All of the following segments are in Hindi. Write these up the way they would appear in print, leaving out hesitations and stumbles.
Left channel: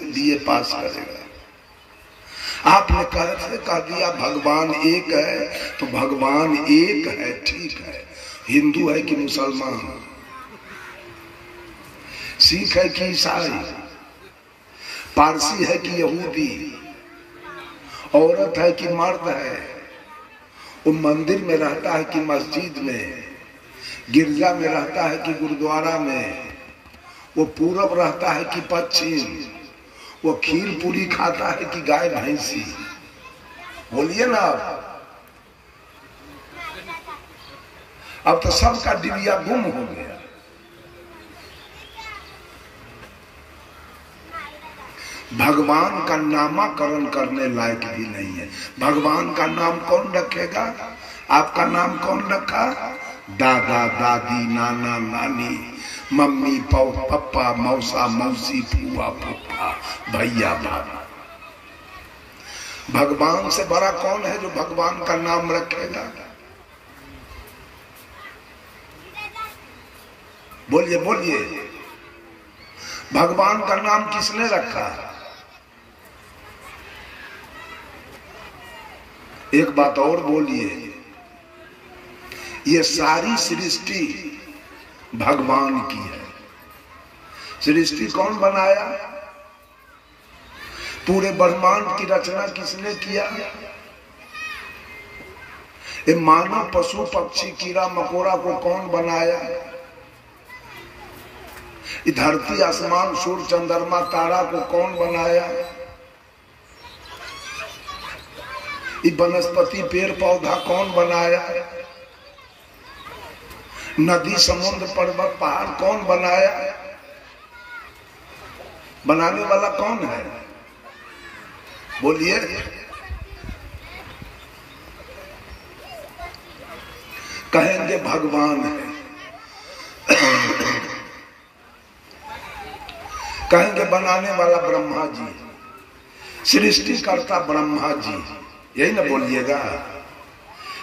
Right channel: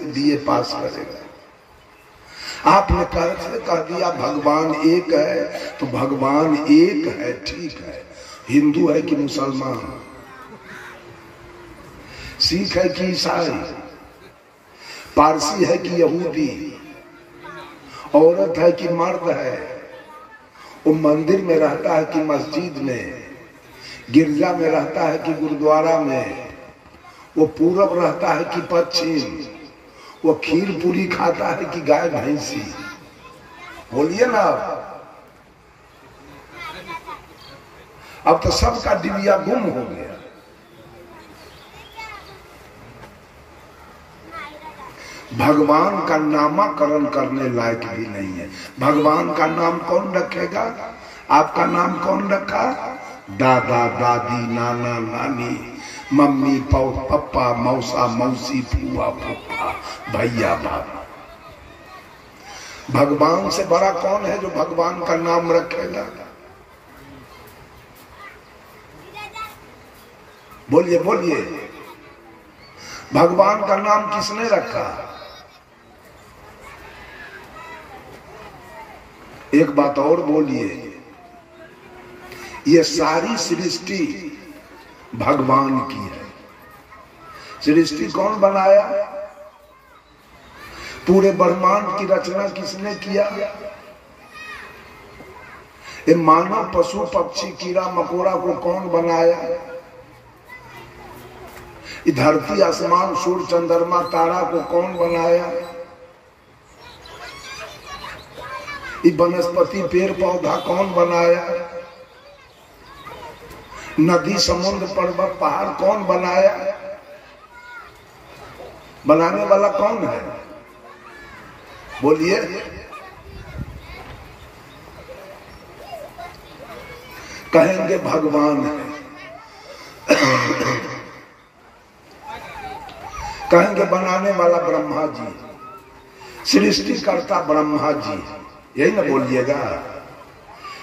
बीए पास करेगा। आपने कह दिया भगवान एक है, तो भगवान एक है, ठीक है। हिंदू है कि मुसलमान, सिख है कि ईसाई, पारसी है कि यहूदी, औरत है कि मर्द है, वो मंदिर में रहता है कि मस्जिद में, गिरजा में रहता है कि गुरुद्वारा में, वो पूरब रहता है कि पश्चिम, वो खीर पूरी खाता है कि गाय भैंसी, बोलिए ना। अब तो सबका डिबिया गुम हो गया। भगवान का नामकरण करने लायक भी नहीं है। भगवान का नाम कौन रखेगा? आपका नाम कौन रखा? दादा दादी, नाना नानी, मम्मी पप्पा, मौसा मौसी, फूआ फूफा, भैया भाभी। भगवान से बड़ा कौन है जो भगवान का नाम रखेगा? बोलिए बोलिए, भगवान का नाम किसने रखा? एक बात और बोलिए, ये सारी सृष्टि भगवान की है। सृष्टि कौन बनाया? पूरे ब्रह्मांड की रचना किसने किया? ये मानव, पशु, पक्षी, कीड़ा मकोड़ा को कौन बनाया? ये धरती, आसमान, सूर्य, चंद्रमा, तारा को कौन बनाया? ये वनस्पति, पेड़ पौधा कौन बनाया? नदी, समुद्र, पर्वत, पहाड़ कौन बनाया? बनाने वाला कौन है? बोलिए। कहेंगे भगवान है, कहेंगे बनाने वाला ब्रह्मा जी, सृष्टिकर्ता ब्रह्मा जी, यही ना बोलिएगा।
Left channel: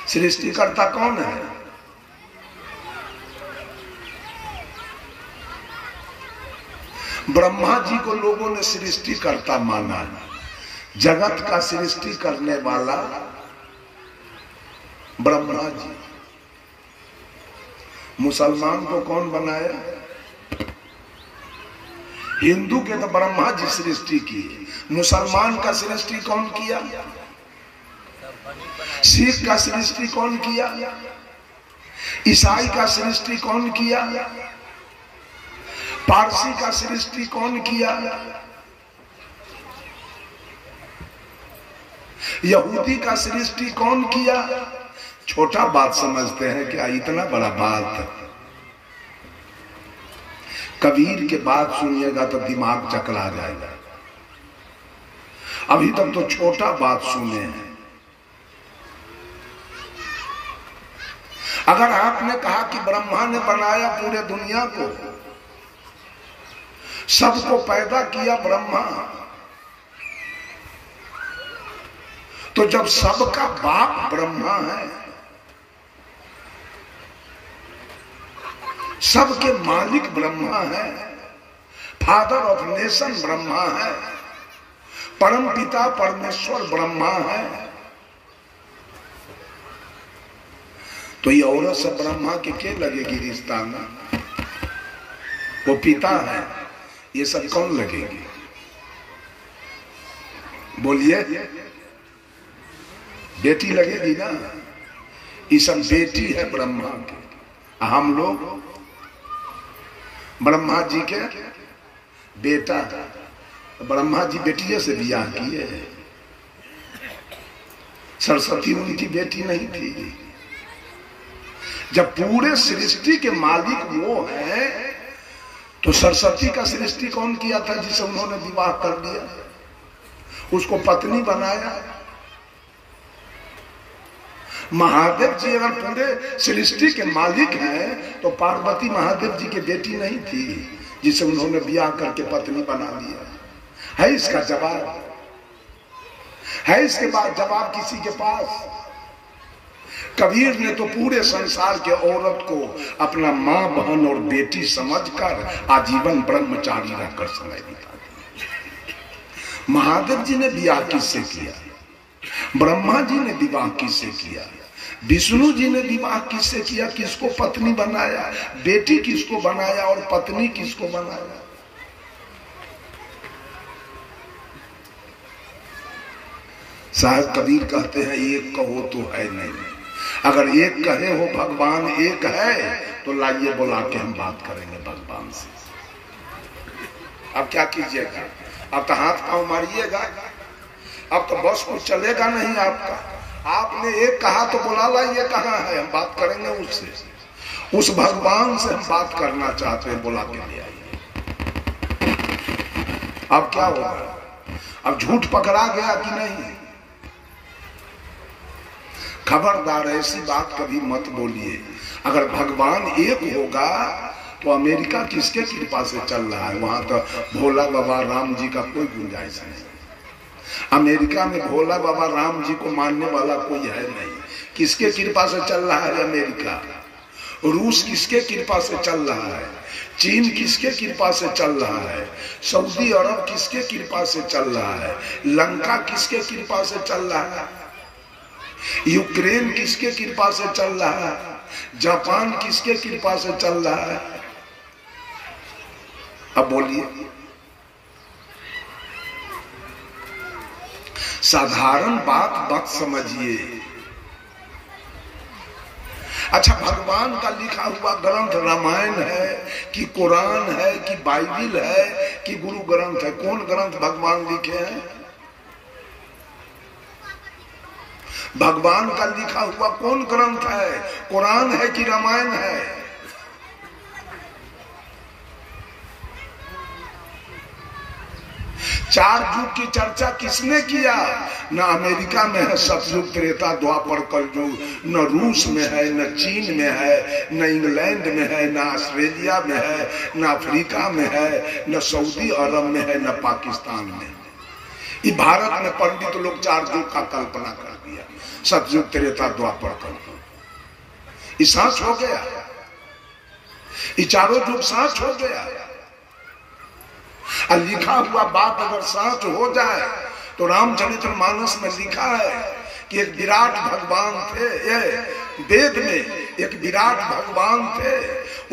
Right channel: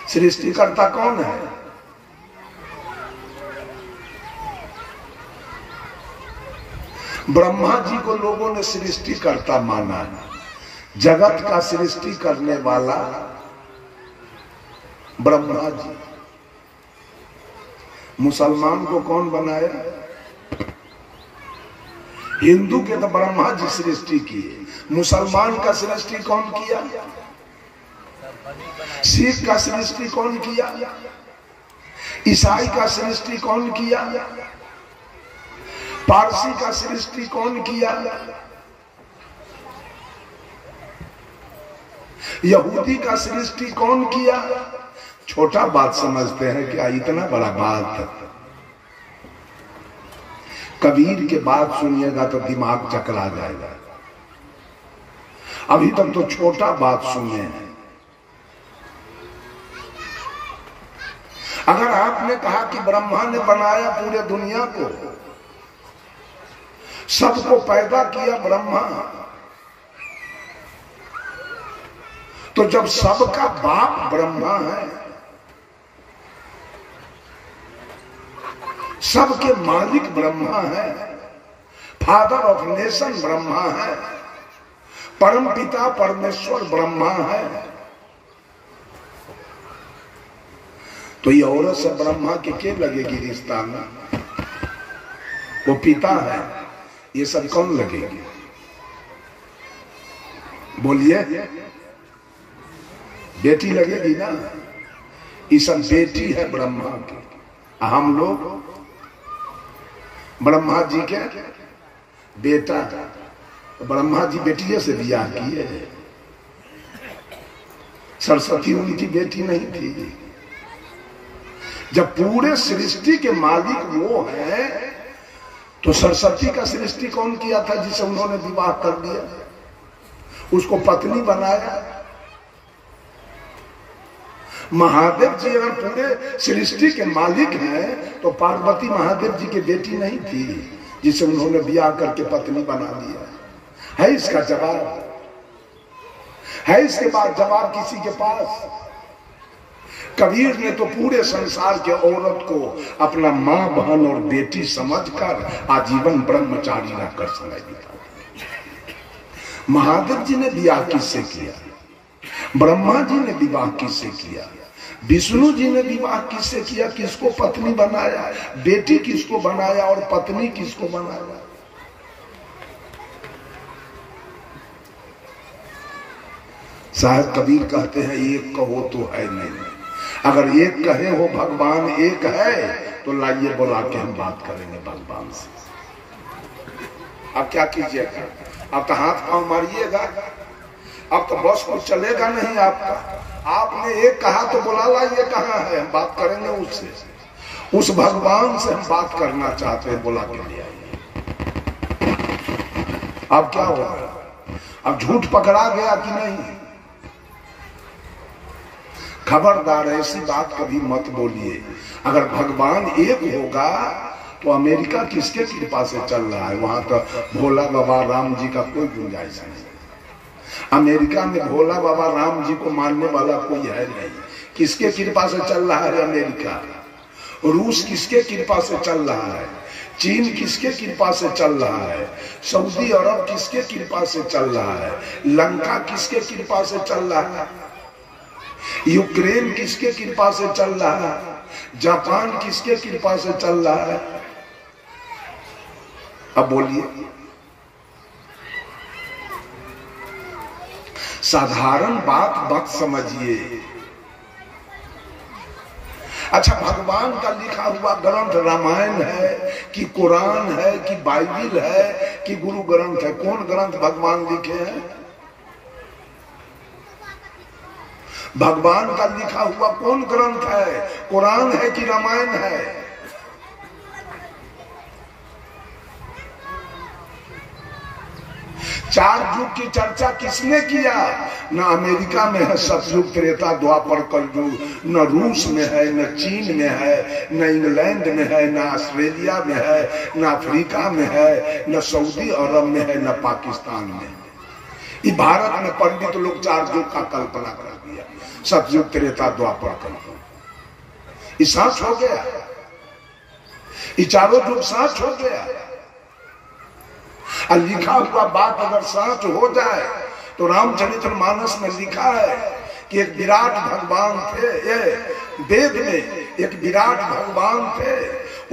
सृष्टिकर्ता कौन है? ब्रह्मा जी को लोगों ने सृष्टिकर्ता माना है। जगत का सृष्टि करने वाला ब्रह्मा जी। मुसलमान को कौन बनाया? हिंदू के तो ब्रह्मा जी सृष्टि की, मुसलमान का सृष्टि कौन किया? सिख का सृष्टि कौन किया? ईसाई का सृष्टि कौन किया? पारसी का सृष्टि कौन किया? यहूदी का सृष्टि कौन किया? छोटा बात समझते हैं क्या? इतना बड़ा बात। कबीर के बात सुनिएगा तो दिमाग चकरा जाएगा। अभी तक तो छोटा बात सुने हैं। अगर आपने कहा कि ब्रह्मा ने बनाया पूरे दुनिया को, सबको पैदा किया ब्रह्मा, तो जब सबका बाप ब्रह्मा है, सबके मालिक ब्रह्मा है, फादर ऑफ नेशन ब्रह्मा है, परम पिता परमेश्वर ब्रह्मा है, तो ये औरत से ब्रह्मा के लगेगी रिश्ता में? वो पिता है, ये सब कौन लगेगी? बोलिए। बेटी लगेगी ना? ये सब बेटी है ब्रह्मा की। हम लोग ब्रह्मा जी के बेटा। ब्रह्मा जी बेटिए से बियाह किए। सरस्वती उनकी बेटी नहीं थी। जब पूरे सृष्टि के मालिक वो हैं, तो सरस्वती का सृष्टि कौन किया था जिसे उन्होंने विवाह कर दिया? उसको पत्नी बनाया। महादेव जी अगर पूरे सृष्टि के मालिक हैं, तो पार्वती महादेव जी की बेटी नहीं थी जिसे उन्होंने ब्याह करके पत्नी बना दिया? है इसका जवाब? है इसके बाद जवाब किसी के पास? कबीर ने तो पूरे संसार के औरत को अपना माँ, बहन और बेटी समझकर आजीवन ब्रह्मचारी रहकर समय बिता। महादेव जी ने विवाह किससे किया? ब्रह्मा जी ने विवाह किससे किया? विष्णु जी ने विवाह किससे किया? किसको पत्नी बनाया? बेटी किसको बनाया और पत्नी किसको बनाया? साहब कबीर कहते हैं एक कहो तो है नहीं, अगर एक कहे हो भगवान एक है तो लाइए बुला के हम बात करेंगे भगवान से। अब क्या कीजिएगा? अब तो हाथ पांव मारिएगा, अब तो बस कुछ चलेगा नहीं आपका। आपने एक कहा तो बुला लाइए, कहाँ है? हम बात करेंगे उससे, उस भगवान से हम बात करना चाहते हैं, बुला के लिए आइए। अब क्या हुआ? अब झूठ पकड़ा गया कि नहीं? खबरदार ऐसी बात कभी मत बोलिए। अगर भगवान एक होगा तो अमेरिका किसके कृपा से चल रहा है? वहां तो भोला बाबा राम जी का कोई गुंजाइश नहीं। अमेरिका में भोला बाबा राम जी को मानने वाला कोई है नहीं। किसके कृपा से चल रहा है अमेरिका? रूस किसके कृपा से चल रहा है? चीन किसके कृपा से चल रहा है? सऊदी अरब किसके कृपा से चल रहा है? लंका किसके कृपा से चल रहा है? यूक्रेन किसके कृपा से चल रहा है? जापान किसके कृपा से चल रहा है? अब बोलिए। साधारण बात मत समझिए। अच्छा, भगवान का लिखा हुआ ग्रंथ रामायण है कि कुरान है कि बाइबिल है कि गुरु ग्रंथ है? कौन ग्रंथ भगवान लिखे हैं? भगवान का लिखा हुआ कौन ग्रंथ है? कुरान है कि रामायण है? चार युग की चर्चा किसने किया? न अमेरिका में है सतयुग त्रेता द्वापर कलयुग, न रूस में है, न चीन में है, न इंग्लैंड में है, न ऑस्ट्रेलिया में है, न अफ्रीका में है, न सऊदी अरब में है, न पाकिस्तान में। इस भारत में पंडित लोग चार युग का कल्पना कर दिया, सतयुग त्रेता द्वापर कलयुग। ये साच हो गया, ये चारों युग साच हो गया। और लिखा हुआ बात अगर सच हो जाए तो रामचरितमानस में लिखा है कि एक विराट भगवान थे, वेद में एक विराट भगवान थे।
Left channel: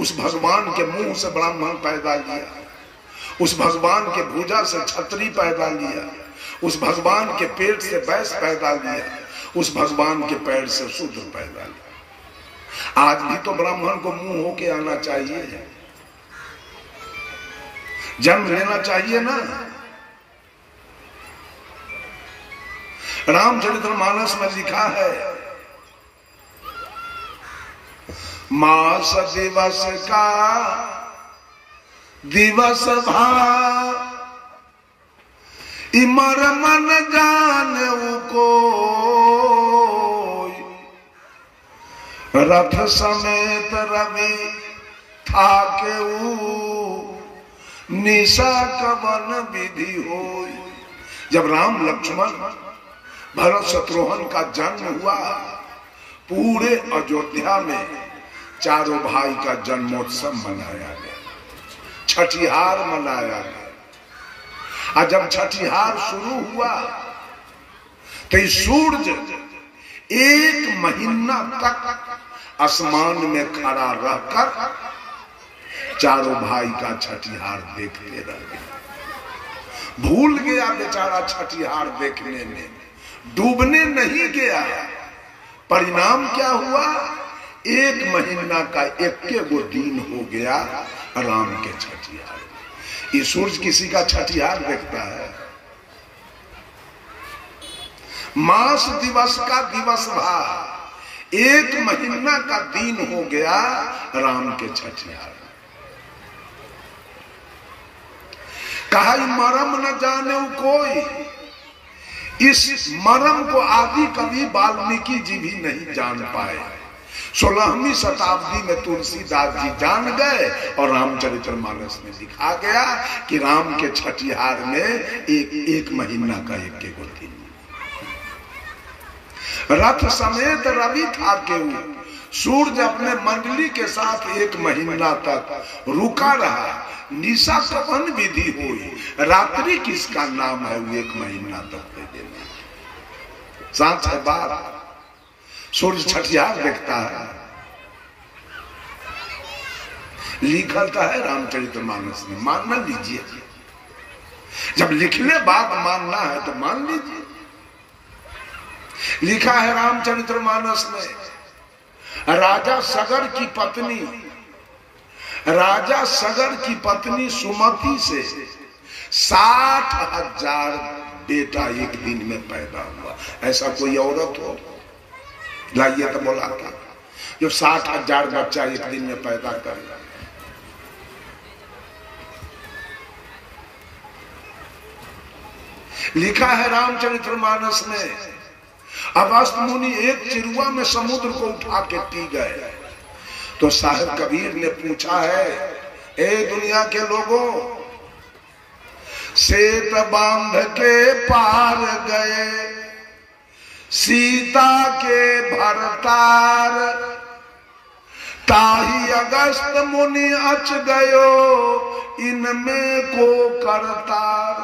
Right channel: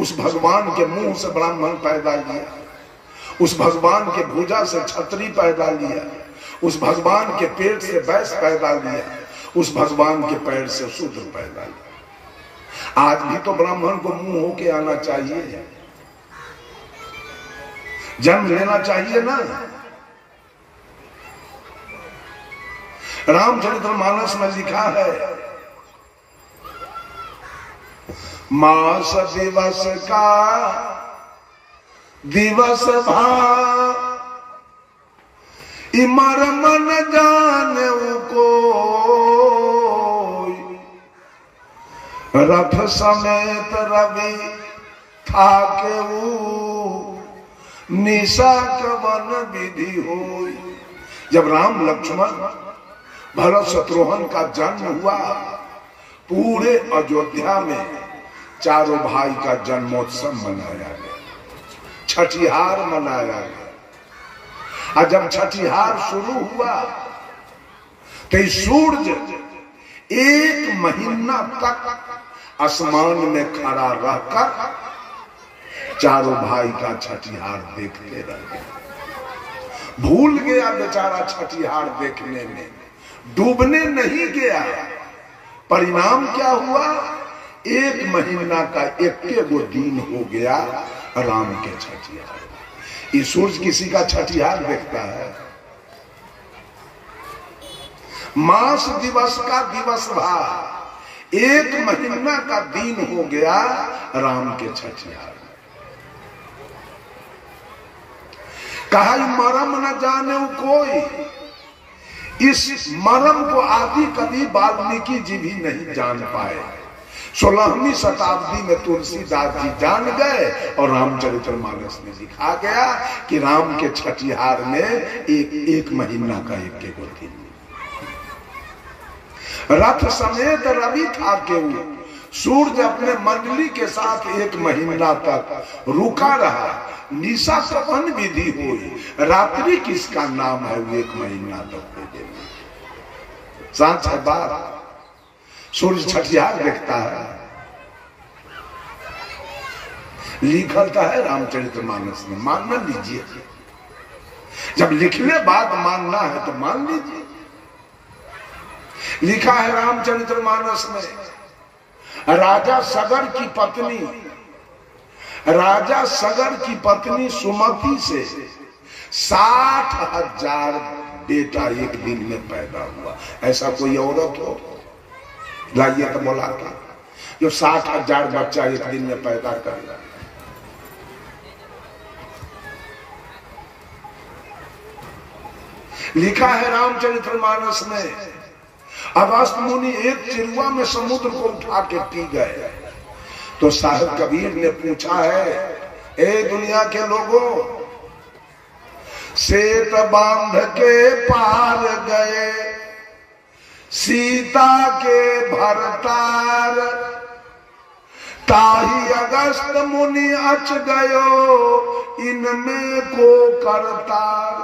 उस भगवान के मुंह से ब्राह्मण पैदा लिया, उस भगवान के भुजा से क्षत्रिय पैदा लिया, उस भगवान के पेट से वैश्य पैदा लिया, उस भगवान के पैर से शूद्र पैदा लिया। आज भी तो ब्राह्मण को मुंह होके आना चाहिए, जन्म लेना चाहिए ना। रामचरितमानस में लिखा है, मास दिवस का दिवस भा इमर मन जानऊ को, रथ समेत रवि था के निशा कवन विधि होई। जब राम लक्ष्मण भरत शत्रुघ्न का जन्म हुआ, पूरे अयोध्या में चारों भाई का जन्मोत्सव मनाया गया, छठिहार मनाया गया। और जब छठिहार शुरू हुआ तो सूरज 1 महीना तक आसमान में खड़ा रहकर चारों भाई का छठिहार देखते रहे। भूल गया बेचारा छठिहार देखने में, डूबने नहीं गया। परिणाम क्या हुआ? 1 महीना का 1 दिन हो गया राम के छठिहार। ये सूरज किसी का छठिहार देखता है? मास दिवस का दिवस भा, 1 महीना का दिन हो गया राम के छठिहार। कहा मरम न जाने कोई। इस मरम को आदि कवि वाल्मीकि जी भी नहीं जान पाए। 16वीं शताब्दी में तुलसीदास जी जान गए और रामचरितमानस में लिखा गया कि राम के छठिहार में एक महीना का 1 दिन। रथ समेत रवि था केऊ, सूरज अपने मंडली के साथ 1 महीना तक रुका रहा, निशा सपन विधि हुई, रात्रि किसका नाम है वो 1 महीना तक। साथ है बात, सूरज छठियार देखता है, लिखल था है रामचरितमानस में, मान न लीजिए, जब लिखने बाद मानना है तो मान लीजिए। लिखा है रामचरितमानस में, राजा सगर की पत्नी सुमति से 60,000 बेटा एक दिन में पैदा हुआ। ऐसा कोई औरत हो लाइए तो बोला था जो 60,000 बच्चा एक दिन में पैदा कर। लिखा है रामचरितमानस में, अगस्त्य मुनि एक चिरुआ में समुद्र को उठा के पी गए। तो साहब कबीर ने पूछा है, ए दुनिया के लोगों, सेत बांध के पार गए सीता के भरतार, ताही अगस्त्य मुनि अच गयो इनमें को करतार।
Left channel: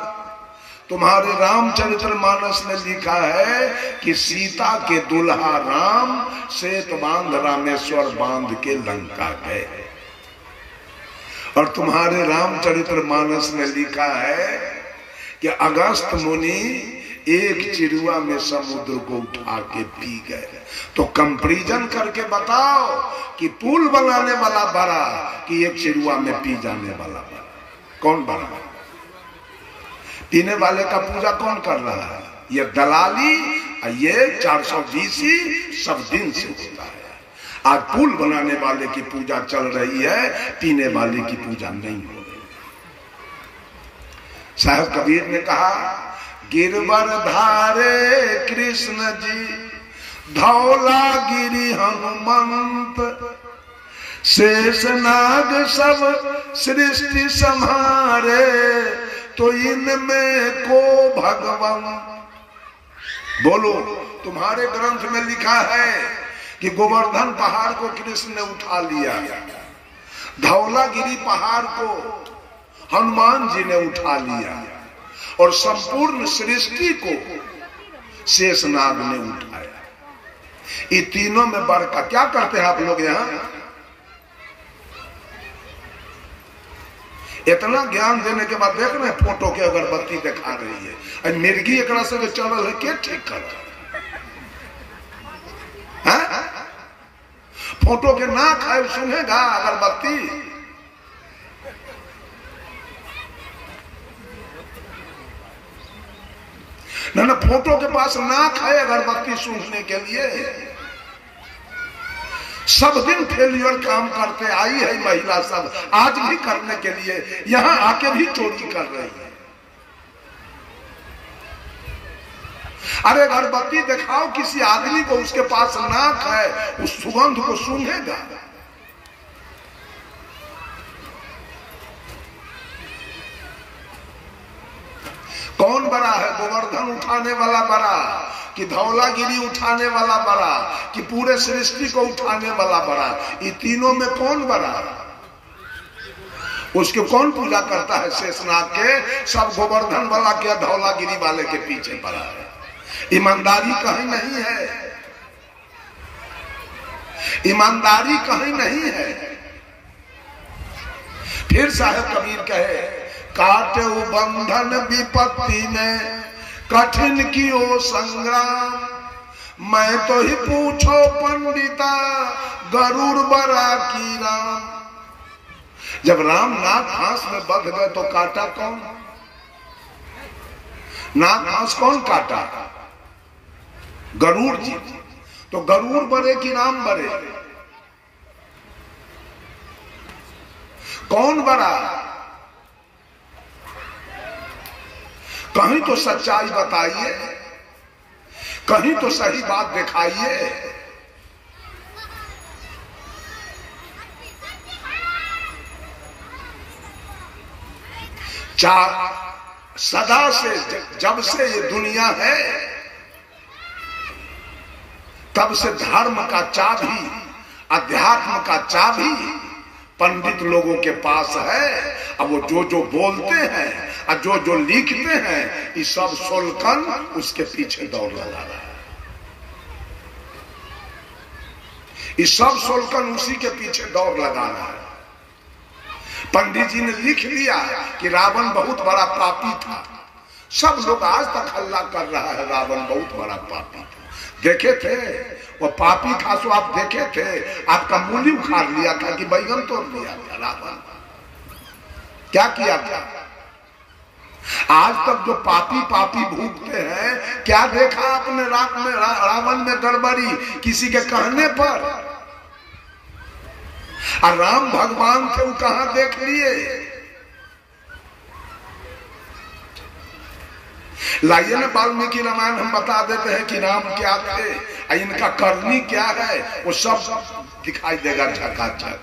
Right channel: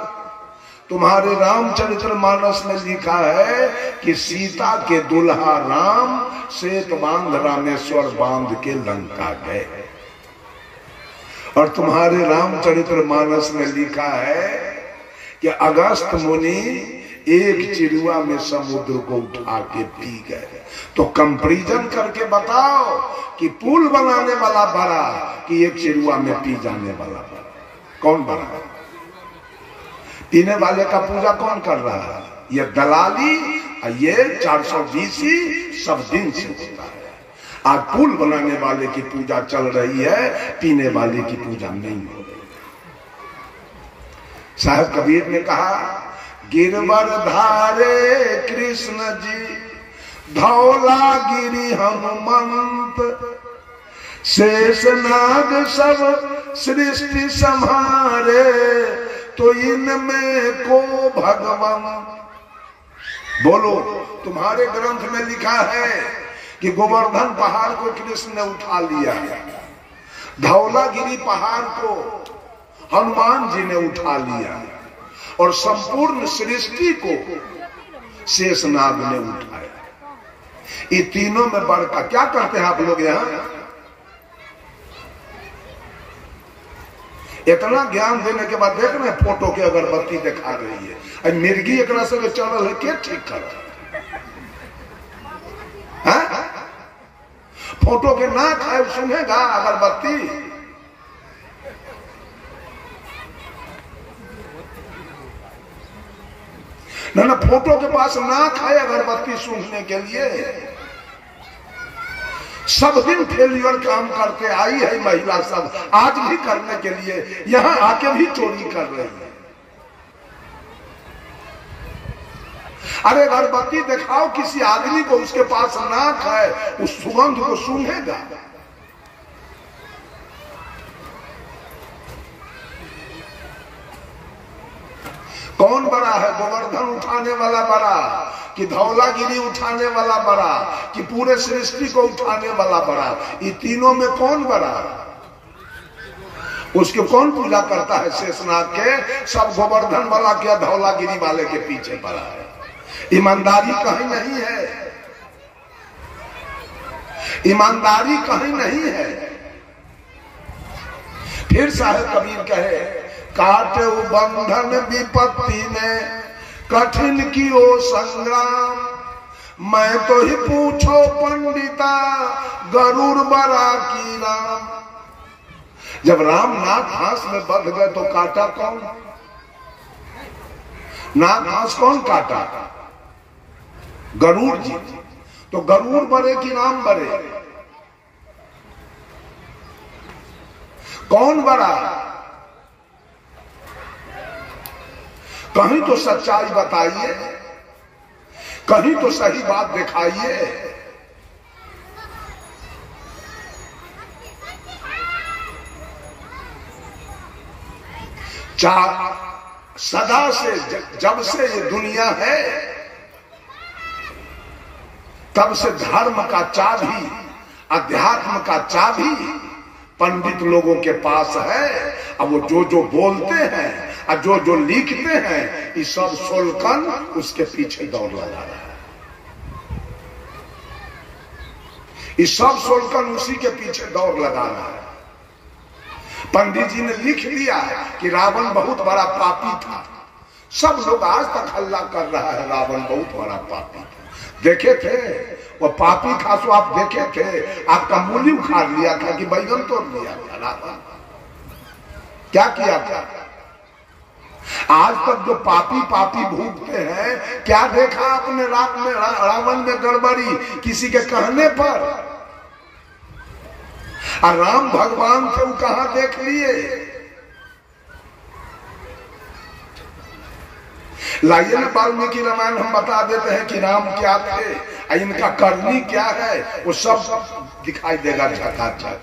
तुम्हारे रामचरितमानस में लिखा है कि सीता के दुल्हा राम सेत बांध रामेश्वर बांध के लंका गए, और तुम्हारे रामचरितमानस में लिखा है कि अगस्त्य मुनि एक चिरुआ में समुद्र को उठा के पी गए। तो कंपैरिजन करके बताओ कि पुल बनाने वाला बड़ा कि एक चिरुआ में पी जाने वाला बड़ा, कौन बड़ा? पीने वाले का पूजा कौन कर रहा है? ये दलाली, ये 420 सब दिन से होता है। आज पुल बनाने वाले की पूजा चल रही है, पीने वाले की पूजा नहीं हो रही। साहब कबीर ने कहा, गिरवर धारे कृष्ण जी धौला गिरी हनुमंत, शेषनाग सब सृष्टि संहारे, तो इनमें को भगवान। बोलो, तुम्हारे ग्रंथ में लिखा है कि गोवर्धन पहाड़ को कृष्ण ने उठा लिया, धौलागिरी पहाड़ को हनुमान जी ने उठा लिया, और संपूर्ण सृष्टि को शेषनाग ने उठाया। ये तीनों में बड़का क्या करते हैं आप लोग यहां? इतना ज्ञान देने के बाद देख रहे हैं फोटो के अगरबत्ती दिखा रही है, मिर्गी एक से चल है, के ठीक कर फोटो के ना खाए सुनेगा अगरबत्ती। ना फोटो के पास ना खाए अगरबत्ती सूंघने के लिए। सब दिन फेलियर काम करते आई है महिला, सब आज भी करने के लिए यहां आके भी चोरी कर रही है। अरे अगरबत्ती दिखाओ किसी आदमी को, उसके पास नाक है, उस सुगंध को सूंघेगा। कौन बड़ा है? गोवर्धन उठाने वाला बड़ा कि धौलागिरी उठाने वाला बड़ा कि पूरे सृष्टि को उठाने वाला बड़ा? ये तीनों में कौन बड़ा? उसके कौन पूजा करता है? शेषनाग के। सब गोवर्धन वाला के धौलागिरी वाले के पीछे पड़ा है। ईमानदारी कहीं नहीं है, ईमानदारी कहीं नहीं है। फिर साहब कबीर कहे, काटे बंधन विपत्ति में कठिन की ओ संग्राम, मैं तो ही पूछो पंडिता गरुड़ बरा की राम। जब राम नाग घास में बंध गए तो काटा कौन? नाग घास कौन काटा? गरुड़ जी। तो गरुड़ बरे कि राम बरे? कौन बड़ा? कहीं तो सच्चाई बताइए, कहीं तो सही बात दिखाइए। सदा से, जब से ये दुनिया है तब से धर्म का चाबी अध्यात्म का चाबी पंडित लोगों के पास है। अब वो जो जो बोलते हैं और जो जो लिखते हैं, ये सब सोलकन उसके पीछे दौड़ लगा रहा है। ये सब सोलकन उसी के पीछे दौड़ लगा रहा है। पंडित जी ने लिख दिया कि रावण बहुत बड़ा पापी था। सब लोग आज तक हल्ला कर रहा है रावण बहुत बड़ा पापी था। देखे थे वो पापी था, तो आप देखे थे, आपका मूली उखाड़ लिया था कि बैगन तोड़ लिया था। रावण क्या किया था? आज तक जो पापी पापी भूखते हैं, क्या देखा आपने रावण में गड़बड़ी किसी के कहने पर? और राम भगवान थे, वो कहां देख लिए? लाइए ना वाल्मीकि रामायण हम बता देते हैं कि राम क्या थे, इनका करनी क्या है, वो सब दिखाई देगा झकाझक।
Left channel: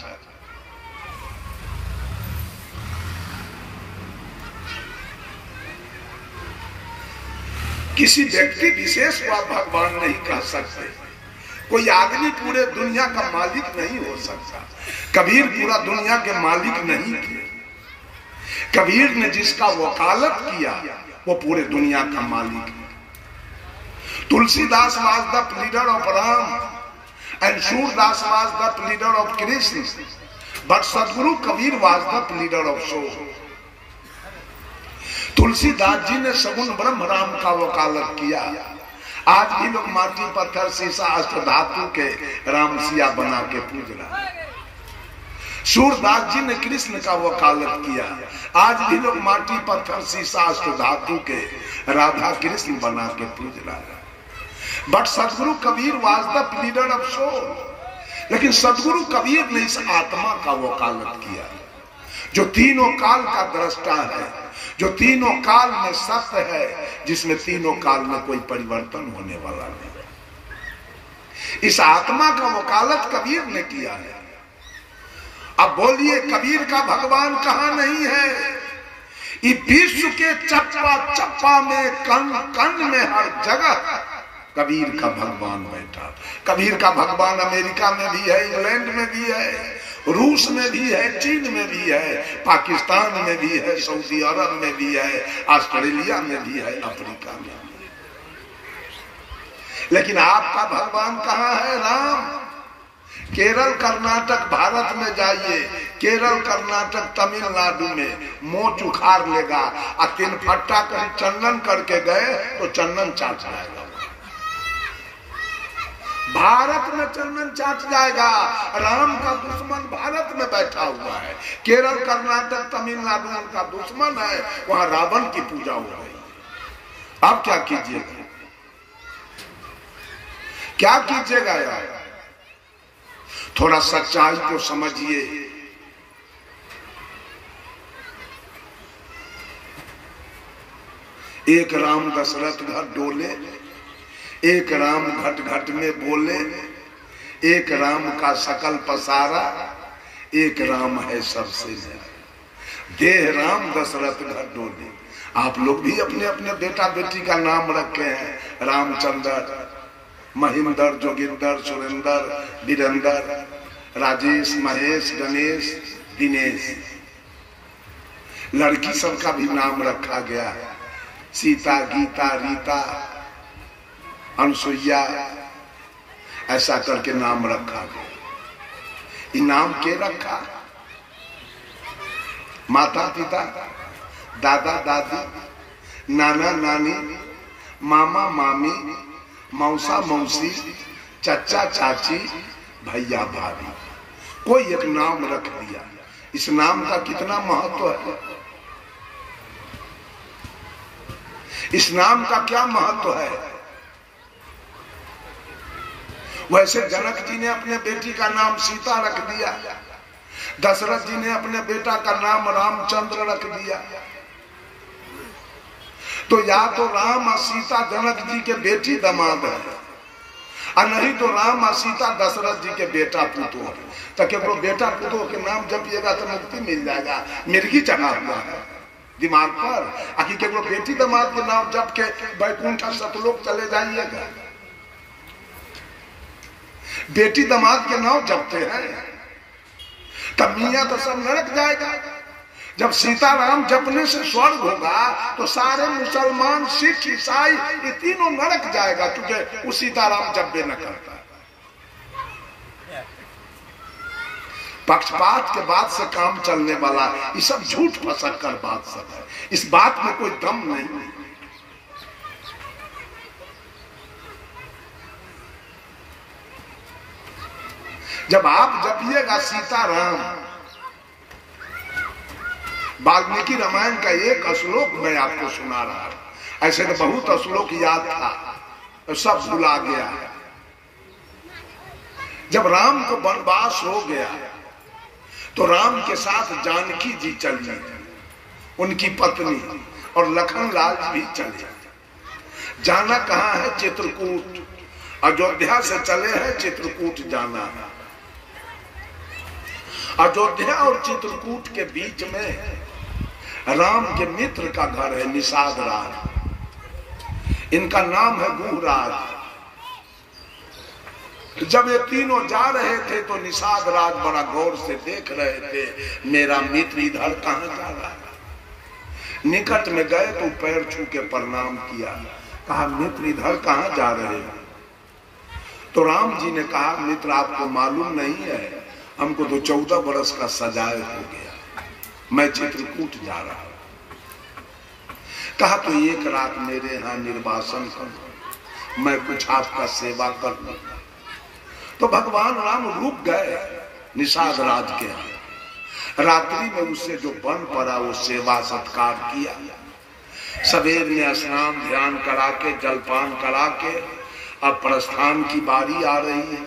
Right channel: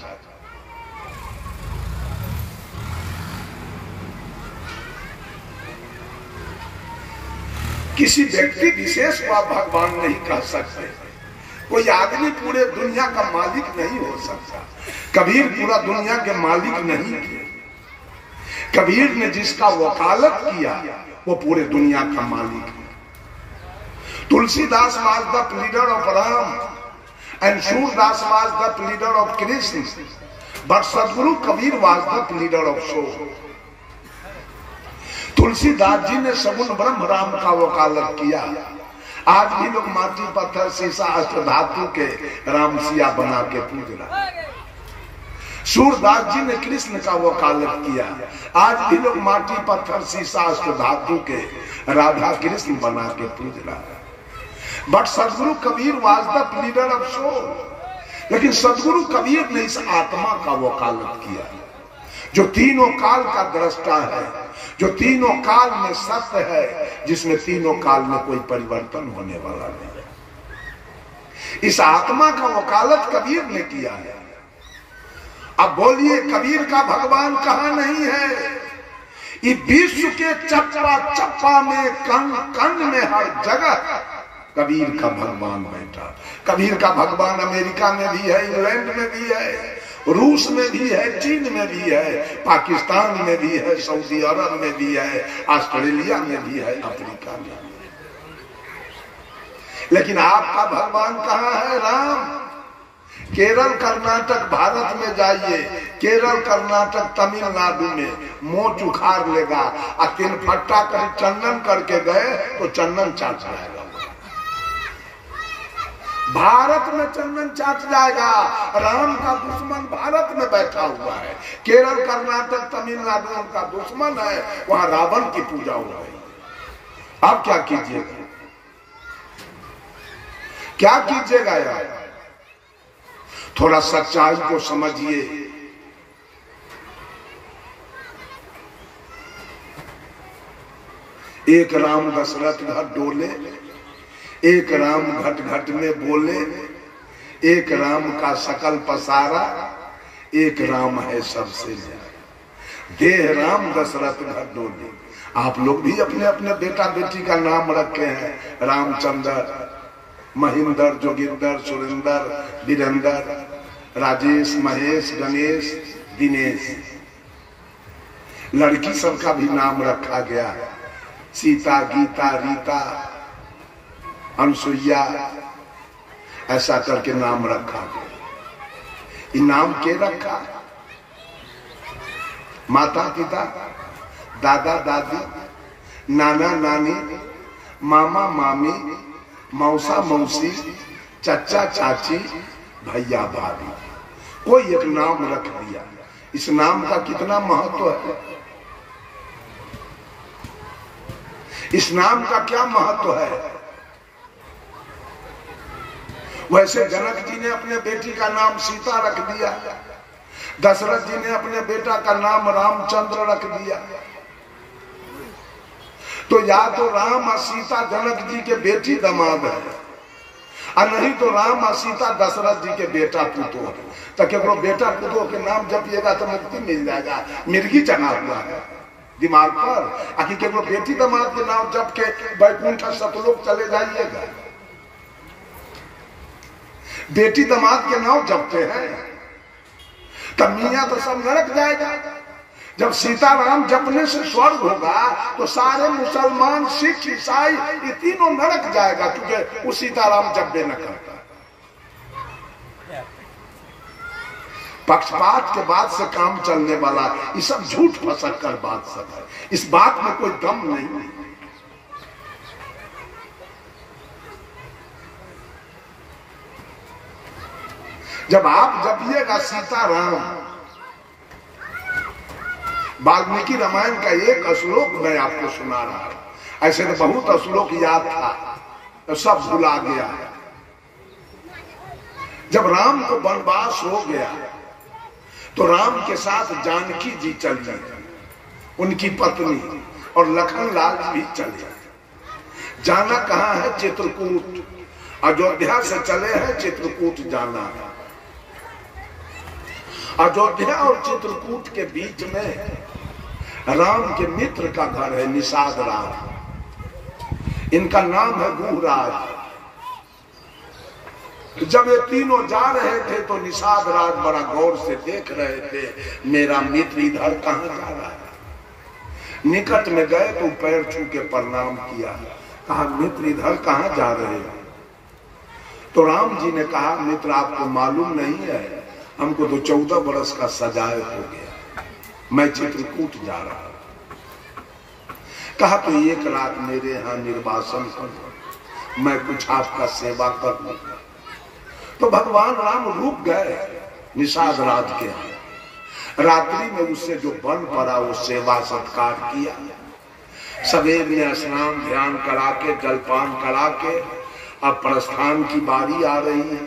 किसी व्यक्ति विशेष को आप भगवान नहीं कह सकते। कोई आदमी पूरे दुनिया का मालिक नहीं हो सकता। कबीर पूरा दुनिया के मालिक नहीं थे। कबीर ने जिसका वकालत किया वो पूरे दुनिया का मालिक है। Tulsidas was the leader of Ram and Surdas was the leader of Krishna, but Sadguru Kabir was the leader of soul. Tulsidas ji ने सगुण ब्रह्म राम का वकालत किया। आज भी लोग माटी पत्थर शीशा अष्ट धातु के राम सिया बना के पूज रहा है। सूरदास जी ने कृष्ण का वकालत किया। आज भी लोग माटी पत्थर शीशा अष्ट धातु के राधा कृष्ण बना के पूज रहा है। But Sadguru Kabir was the leader of soul. लेकिन सदगुरु कबीर ने इस आत्मा का वकालत किया जो तीनों काल का दृष्टा है, जो तीनों काल में सत्य है, जिसमें तीनों काल में कोई परिवर्तन होने वाला नहीं। इस आत्मा का वकालत कबीर ने किया है। अब बोलिए कबीर का भगवान कहां नहीं है? इस विश्व के चप्पा चप्पा में, कण कण में, हर जगह कबीर का भगवान बैठा। कबीर का भगवान अमेरिका में भी है, इंग्लैंड में भी है, रूस में भी है, चीन में भी है, पाकिस्तान में भी है, सऊदी अरब में भी है, ऑस्ट्रेलिया में भी है, अफ्रीका में भी है। लेकिन आपका भगवान कहाँ है? राम। केरल कर्नाटक भारत में जाइए, केरल कर्नाटक तमिलनाडु में मोच उखाड़ लेगा और तीन फट्टा कर चंदन करके गए तो चंदन चाट जाएगा। भारत में चंदन चाट जाएगा। राम का दुश्मन भारत में बैठा हुआ है। केरल कर्नाटक तमिलनाडु का दुश्मन है, वहां रावण की पूजा हो रही। आप क्या कीजिएगा? क्या कीजिएगा यार? थोड़ा सच्चाई को समझिए। एक राम दशरथ घर डोले, एक राम घट घट में बोले, एक राम का सकल पसारा, एक राम है सबसे न्यारा। देह राम दशरथ घर डोले। आप लोग भी अपने अपने बेटा बेटी का नाम रखे हैं, रामचंद्र, महेंद्र, जोगिंदर, सुरेंद्र, वीरेंद्र, राजेश, महेश, गणेश, दिनेश। लड़की सबका भी नाम रखा गया, सीता, गीता, रीता, अनुसुईया, ऐसा करके नाम रखा गया। ये नाम के रखा? माता पिता, दादा दादी, नाना नानी, मामा मामी, मौसा मौसी, चाचा चाची, भैया भाभी, कोई एक नाम रख दिया। इस नाम का कितना महत्व है? इस नाम का क्या महत्व है? वैसे जनक जी ने अपने बेटी का नाम सीता रख दिया, दशरथ जी ने अपने बेटा का नाम रामचंद्र रख दिया। तो या तो राम और सीता जनक जी के बेटी दामाद है, और नहीं तो राम और सीता दशरथ जी के बेटा पुतो है। तो केवल बेटा पुतो के नाम जपिएगा तो मुक्ति मिल जाएगा। मिर्गी चढ़ा हुआ है दिमाग पर। आखिर केवल बेटी दामाद के नाम जप के बैकुंठ सतलोक चले जाइएगा। बेटी दामाद के नाम जपते हैं, तब मियाँ तो सब नरक जाएगा। जब सीताराम जपने से स्वर्ग होगा तो सारे मुसलमान, सिख, ईसाई ये तीनों नरक जाएगा, क्योंकि वो सीताराम जपे न करता। पक्षपात के बाद से काम चलने वाला ये सब झूठ फसक कर बात सब है, इस बात में कोई दम नहीं। जब आप जपिएगा सीताराम, वाल्मीकि रामायण का एक श्लोक मैं आपको सुना रहा, ऐसे तो बहुत श्लोक याद था तो सब भुला गया। जब राम को वनवास हो गया तो राम के साथ जानकी जी चल जाए, उनकी पत्नी, और लखन लाल जी भी चले। जाना कहाँ है? चित्रकूट। अयोध्या से चले हैं, चित्रकूट जाना है। अयोध्या और चित्रकूट के बीच में राम के मित्र का घर है, निषाद राज। इनका नाम है गुहराज। जब ये तीनों जा रहे थे तो निषाद राज बड़ा गौर से देख रहे थे, मेरा मित्र इधर कहाँ जा रहा है। निकट में गए तो पैर छू के प्रणाम किया, कहा मित्र इधर कहाँ जा रहे हैं? तो राम जी ने कहा मित्र आपको मालूम नहीं है, हमको तो 14 बरस का सजाए हो गया, मैं चित्रकूट जा रहा हूं। कहा तो एक रात मेरे यहाँ निर्वासन करो, मैं कुछ आपका सेवा कर लूं। तो भगवान राम रुक गए निषाद राज के यहाँ। रात्रि में उससे जो बन पड़ा वो सेवा सत्कार किया। सवेर में स्नान ध्यान करा के, जलपान करा के अब प्रस्थान की बारी आ रही है।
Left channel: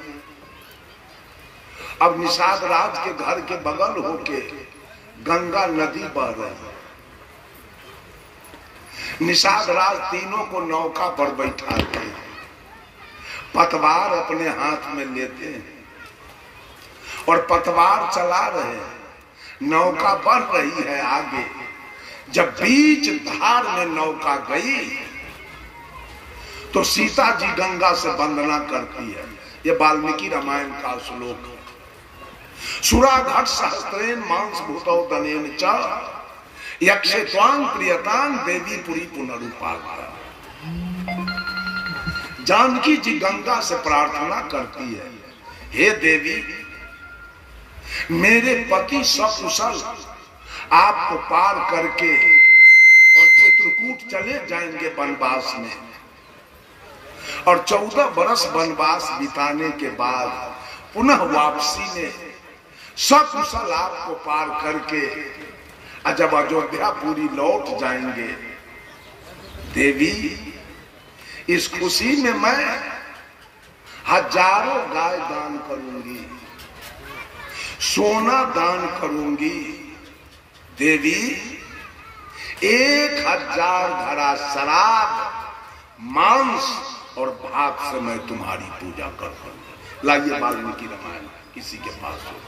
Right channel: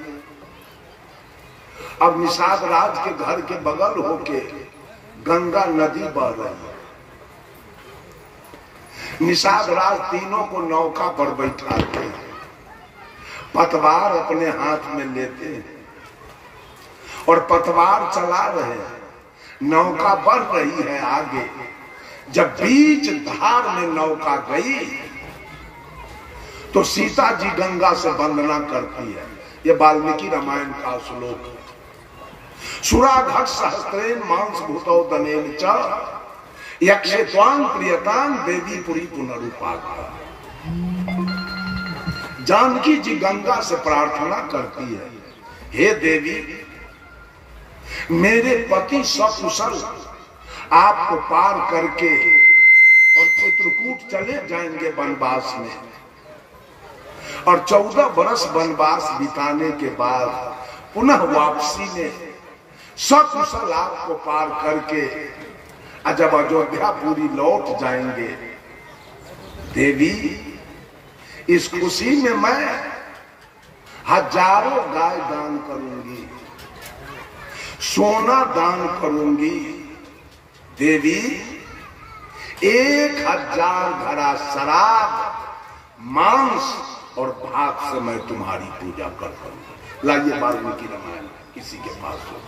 अब निषाद राज के घर के बगल होके गंगा नदी बह रही है। निषाद राज तीनों को नौका पर बैठाते हैं, पतवार अपने हाथ में लेते हैं और पतवार चला रहे हैं। नौका बढ़ रही है आगे। जब बीच धार में नौका गई तो सीता जी गंगा से वंदना करती है। ये वाल्मीकि रामायण का श्लोक है। सुराघट सहस्त्रेन मांस भूतौ दनेन च यक्षे त्वां प्रियतां देवी पुरी पुनरुपाका। जानकी जी गंगा से प्रार्थना करती है, हे देवी मेरे पति सकुशल आपको पार करके और चित्रकूट चले जाएंगे वनवास में, और 14 बरस वनवास बिताने के बाद पुनः वापसी में सकुशल आपको पार करके जब अयोध्या पूरी लौट जाएंगे, देवी इस खुशी में मैं हजारों गाय दान करूंगी, सोना दान करूंगी। देवी 1000 घड़ा शराब, मांस और भात से मैं तुम्हारी पूजा करूंगा। लाइए वाल्मीकि रामायण किसी के पास हो।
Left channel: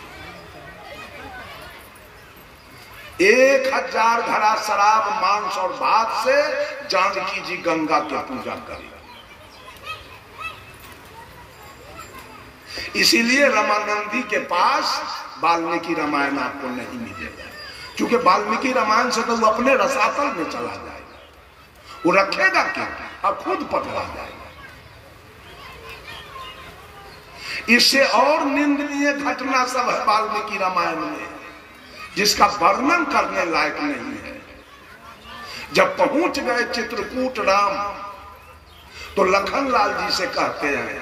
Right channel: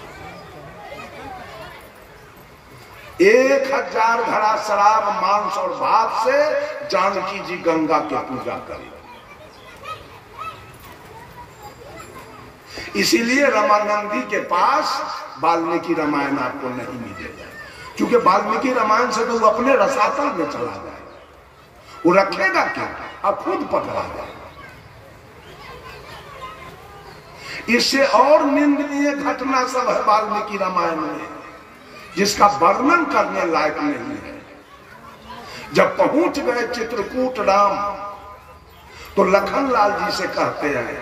1000 घड़ा शराब, मांस और भात से जानकी जी गंगा की पूजा करें। इसीलिए रमानंदी के पास वाल्मीकि रामायण आपको नहीं मिलेगा, क्योंकि वाल्मीकि रामायण से तो वो अपने रसातल में चला जाएगा। वो रखेगा क्या? अब खुद पकड़ा जाएगा। इससे और निंदनीय घटना सब है वाल्मीकि रामायण में, जिसका वर्णन करने लायक नहीं है। जब पहुंच गए चित्रकूट राम तो लखन लाल जी से कहते हैं,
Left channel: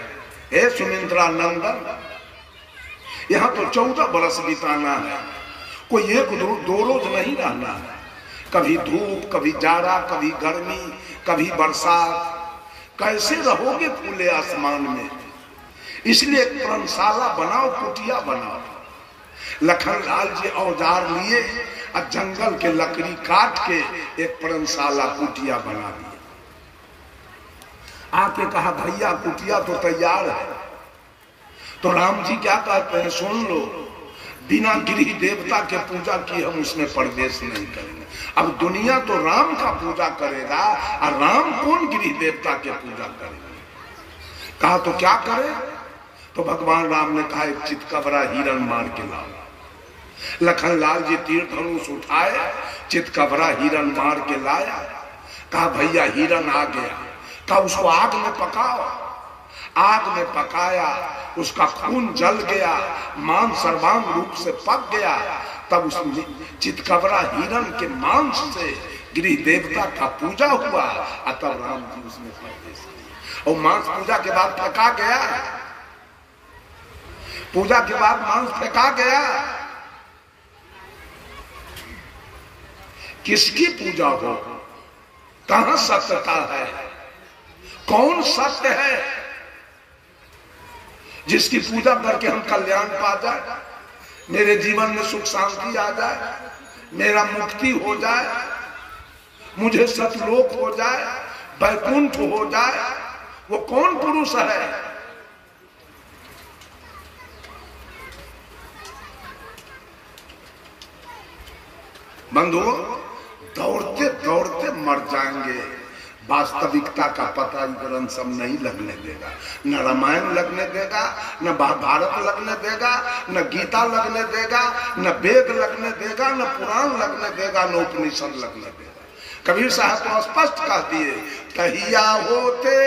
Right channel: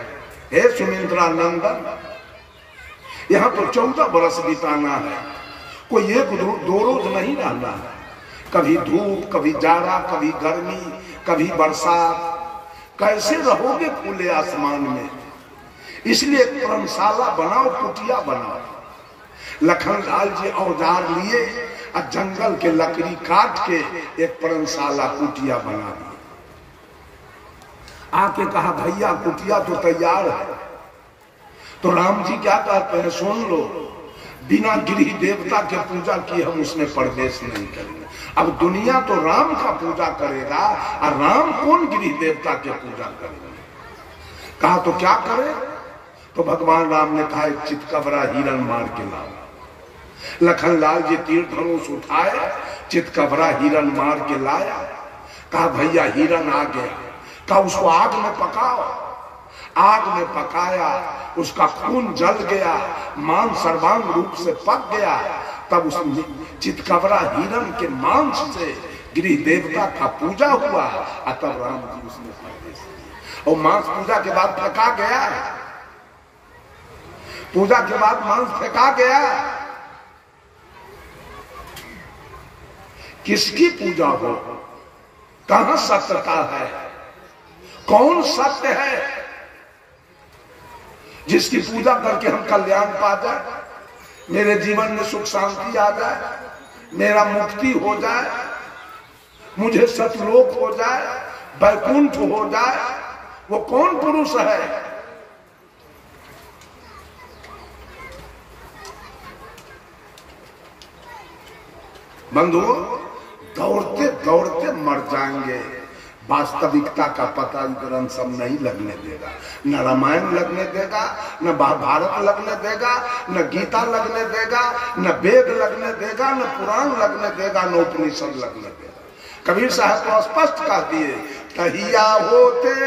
हे सुमित्रा नंदन, यहां तो 14 बरस बिताना है, कोई एक दो रोज नहीं रहना है। कभी धूप, कभी जाड़ा, कभी गर्मी, कभी बरसात, कैसे रहोगे खुले आसमान में? इसलिए एक धर्मशाला बनाओ, कुटिया बनाओ। लखन लाल जी औजार लिए और जंगल के लकड़ी काट के एक धर्मशाला कुटिया बना दी। आके कहा भैया कुटिया तो तैयार है। तो राम जी क्या कहते हैं, सुन लो, बिना गृह देवता के पूजा की हम उसमें प्रवेश नहीं करेंगे। अब दुनिया तो राम का पूजा करेगा और राम कौन गृह देवता के पूजा करेगा? कहा तो क्या करे? तो भगवान राम ने कहा एक चितकबरा हिरन मार के लाओ। लखनलाल जी तीर धनुष उठाए, चितकबरा हिरन मार के लाया। कहा भैया हिरन आ गया। कहा उसको आग में पकाओ। आग में पकाया, उसका खून जल गया, मांस सर्वांग रूप से पक गया। तब उस चितकबरा हिरन के मांस से गृह देवता का पूजा हुआ। तब राम जी उसमें प्रवेश किए। और मांस पूजा के बाद फेंका गया। पूजा के बाद मांस फेंका गया। किसकी पूजा हो? कहां सत्यता है? कौन सत्य है जिसकी पूजा करके हम कल्याण पा जाए, मेरे जीवन में सुख शांति आ जाए, मेरा मुक्ति हो जाए, मुझे सतलोक हो जाए, वैकुंठ हो जाए? वो कौन पुरुष है? बंधुओं, दौड़ते दौड़ते मर जाएंगे। वास्तविकता का पता ये ग्रंथ सब नहीं लगने देगा। न रामायण लगने देगा, न महाभारत लगने देगा, न गीता लगने देगा, न वेद लगने देगा, न पुराण लगने देगा, न उपनिषद लगने देगा। कबीर साहब तो स्पष्ट कह दिए, कहिया होते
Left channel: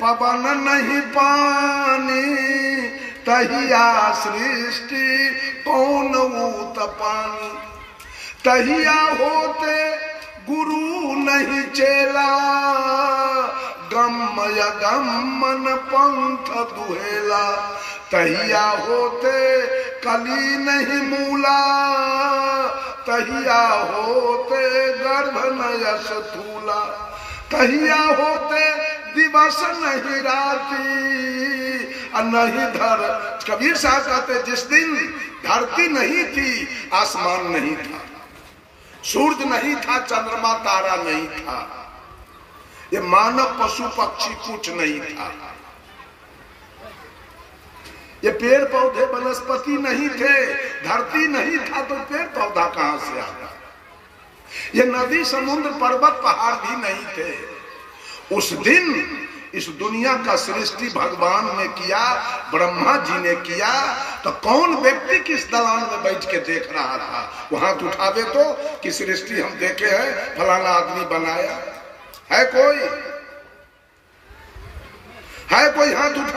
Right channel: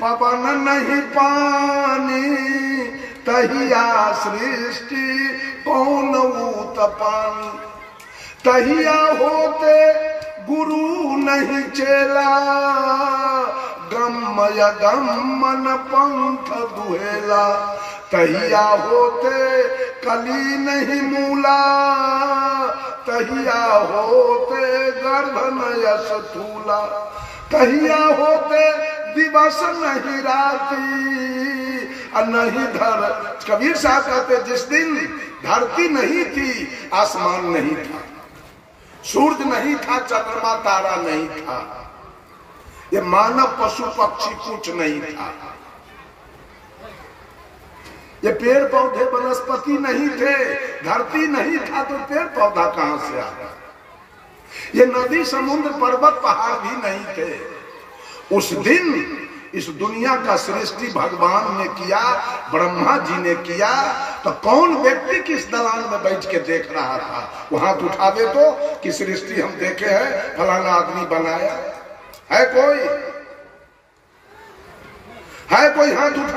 पवन नहीं पानी, तहिया सृष्टि कौन उत्पानी। तहिया होते गुरु नहीं चेला, गम्मय गम्मन पंथ दुहेला। तहिया होते कली नहीं मूला, तहिया होते गर्भ न यश थूला। तहिया होते दिवस नहीं राती, नहीं धर। कबीर साहब कहते जिस दिन धरती नहीं थी, आसमान नहीं था, सूरज नहीं था, चंद्रमा तारा नहीं था, ये मानव पशु पक्षी कुछ नहीं था, ये पेड़ पौधे वनस्पति नहीं थे, धरती नहीं था तो पेड़ पौधा कहां से आता? ये नदी समुद्र पर्वत पहाड़ भी नहीं थे। उस दिन इस दुनिया का सृष्टि भगवान ने किया, ब्रह्मा जी ने किया। तो कौन व्यक्ति किस दलान में बैठ के देख रहा था? वो हाथ उठावे तो कि सृष्टि हम देखे हैं, फलाना आदमी बनाया है? कोई हाथ उठा